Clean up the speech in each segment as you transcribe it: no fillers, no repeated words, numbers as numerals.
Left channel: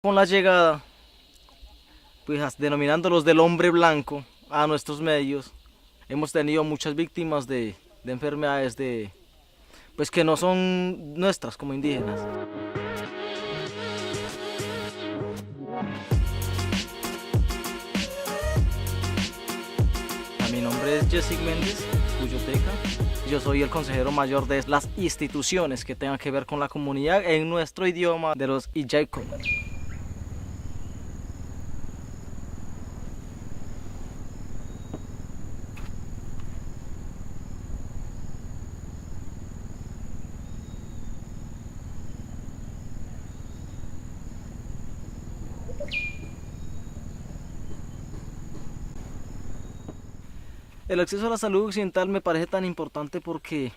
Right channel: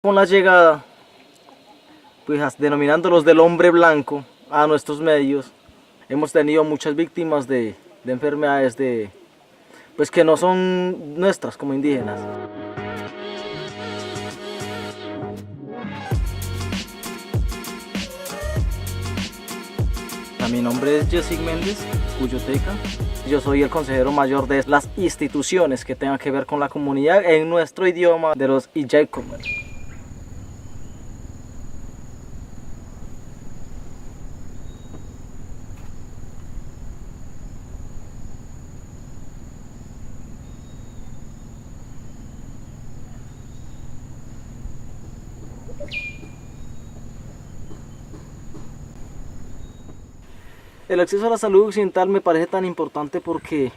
Con la llegada, pues denominándolos del hombre blanco a nuestros medios, hemos tenido muchas víctimas de enfermedades pues que no son nuestras como indígenas. Mi nombre es Jessic Méndez, Cuyoteca. Yo soy el consejero mayor de las instituciones que tengan que ver con la comunidad en nuestro idioma de los Ijaiko. El acceso a la salud occidental me parece tan importante porque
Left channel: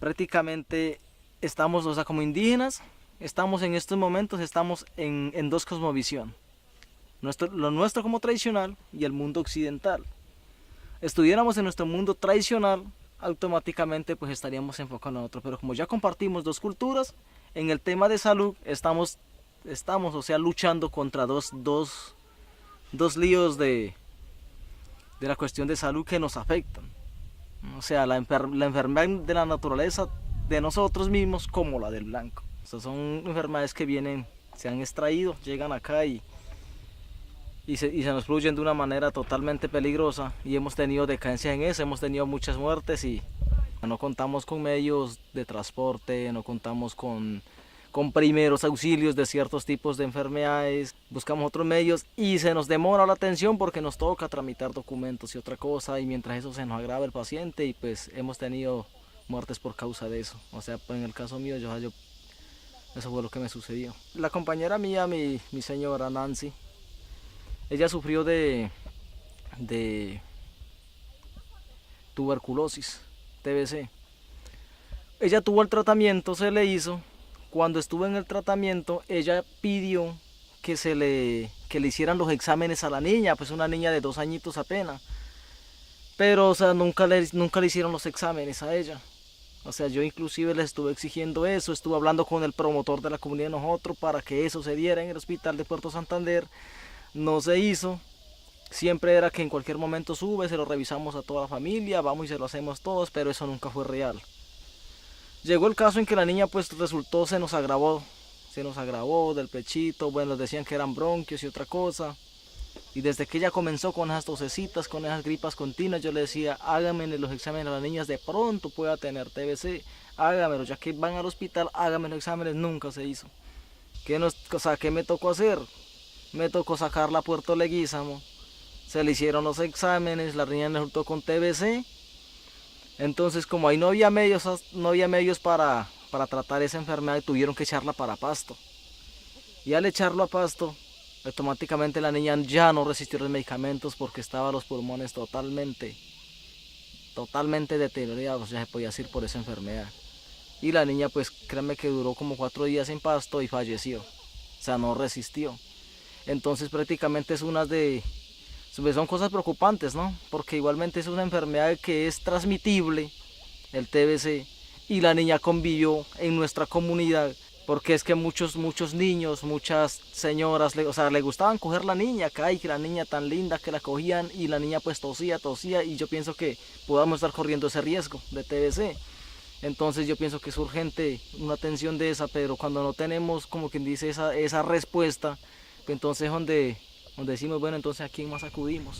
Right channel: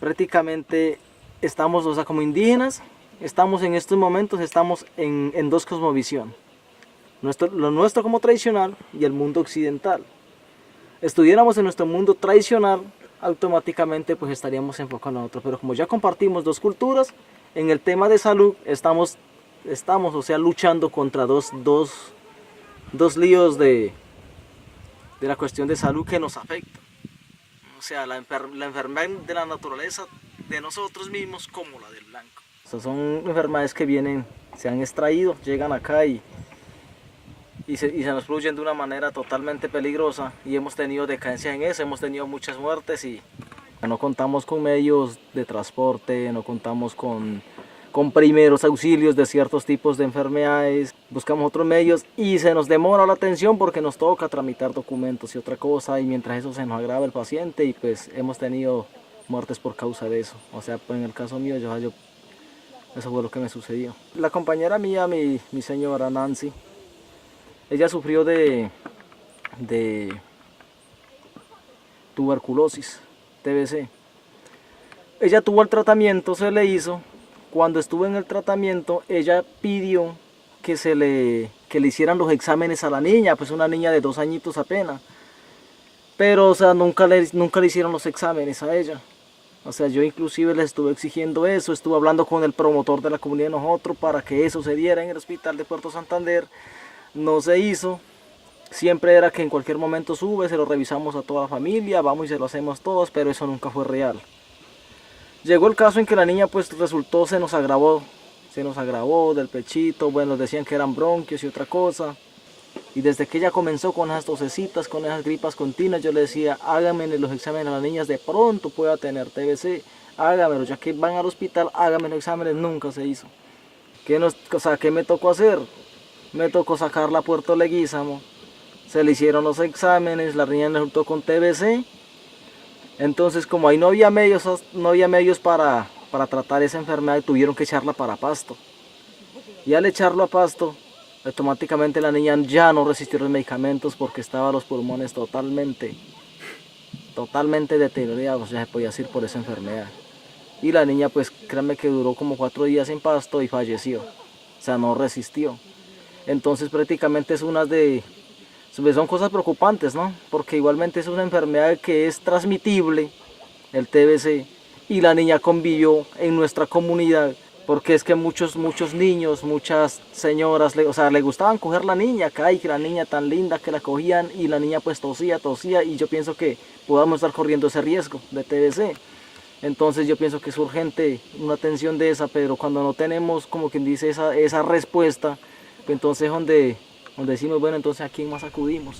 prácticamente estamos, o sea, como indígenas, estamos en estos momentos, estamos en dos cosmovisión. Lo nuestro como tradicional y el mundo occidental. Estuviéramos en nuestro mundo tradicional, automáticamente pues estaríamos enfocados en otro. Pero como ya compartimos dos culturas, en el tema de salud estamos o sea, luchando contra dos líos de la cuestión de salud que nos afecta. O sea, la enfermedad de la naturaleza de nosotros mismos como la del blanco. O sea, son enfermedades que vienen, se han extraído, llegan acá y se nos fluyen de una manera totalmente peligrosa y hemos tenido decadencia en eso, hemos tenido muchas muertes y no contamos con medios de transporte, no contamos con primeros auxilios de ciertos tipos de enfermedades, buscamos otros medios y se nos demora la atención porque nos toca tramitar documentos y otra cosa, y mientras eso se nos agrava el paciente y pues hemos tenido muertes por causa de eso. O sea, pues en el caso mío, eso fue lo que me sucedió. La compañera mía, mi señora Nancy, ella sufrió de tuberculosis, TBC. Ella tuvo el tratamiento, se le hizo. Cuando estuvo en el tratamiento, ella pidió que le hicieran los exámenes a la niña, pues una niña de 2 añitos apenas. Pero, o sea, nunca le hicieron los exámenes a ella. O sea, yo inclusive le estuve exigiendo eso, estuve hablando con el promotor de la comunidad de nosotros para que eso se diera en el hospital de Puerto Santander. No se hizo. Siempre era que en cualquier momento sube, se lo revisamos a toda la familia, vamos y se lo hacemos todos, pero eso nunca fue real. Llegó el caso en que la niña pues resultó, se nos agravó del pechito, bueno, decían que eran bronquios y otra cosa. Y desde que ella comenzó con esas tosecitas, con esas gripas continuas, yo le decía, háganme los exámenes a las niñas, de pronto pueda tener TBC, hágamelos, ya que van al hospital, háganme los exámenes, nunca se hizo. ¿Qué me tocó hacer? Me tocó sacarla a Puerto Leguízamo, se le hicieron los exámenes, la niña resultó con TBC. Entonces, como ahí no había medios para tratar esa enfermedad, tuvieron que echarla para Pasto. Y al echarlo a Pasto, automáticamente la niña ya no resistió los medicamentos porque estaban los pulmones totalmente deteriorados, ya se podía decir, por esa enfermedad. Y la niña, pues créanme que duró como 4 días en Pasto y falleció. O sea, no resistió. Entonces prácticamente son cosas preocupantes, ¿no? Porque igualmente es una enfermedad que es transmitible, el TBC, y la niña convivió en nuestra comunidad, porque es que muchos niños, muchas señoras, o sea, le gustaban coger la niña acá, y que la niña tan linda que la cogían, y la niña pues tosía, y yo pienso que podamos estar corriendo ese riesgo de TBC. Entonces yo pienso que es urgente una atención de esa, pero cuando no tenemos, como quien dice, esa respuesta, pues entonces donde decimos, bueno, entonces ¿a quién más acudimos?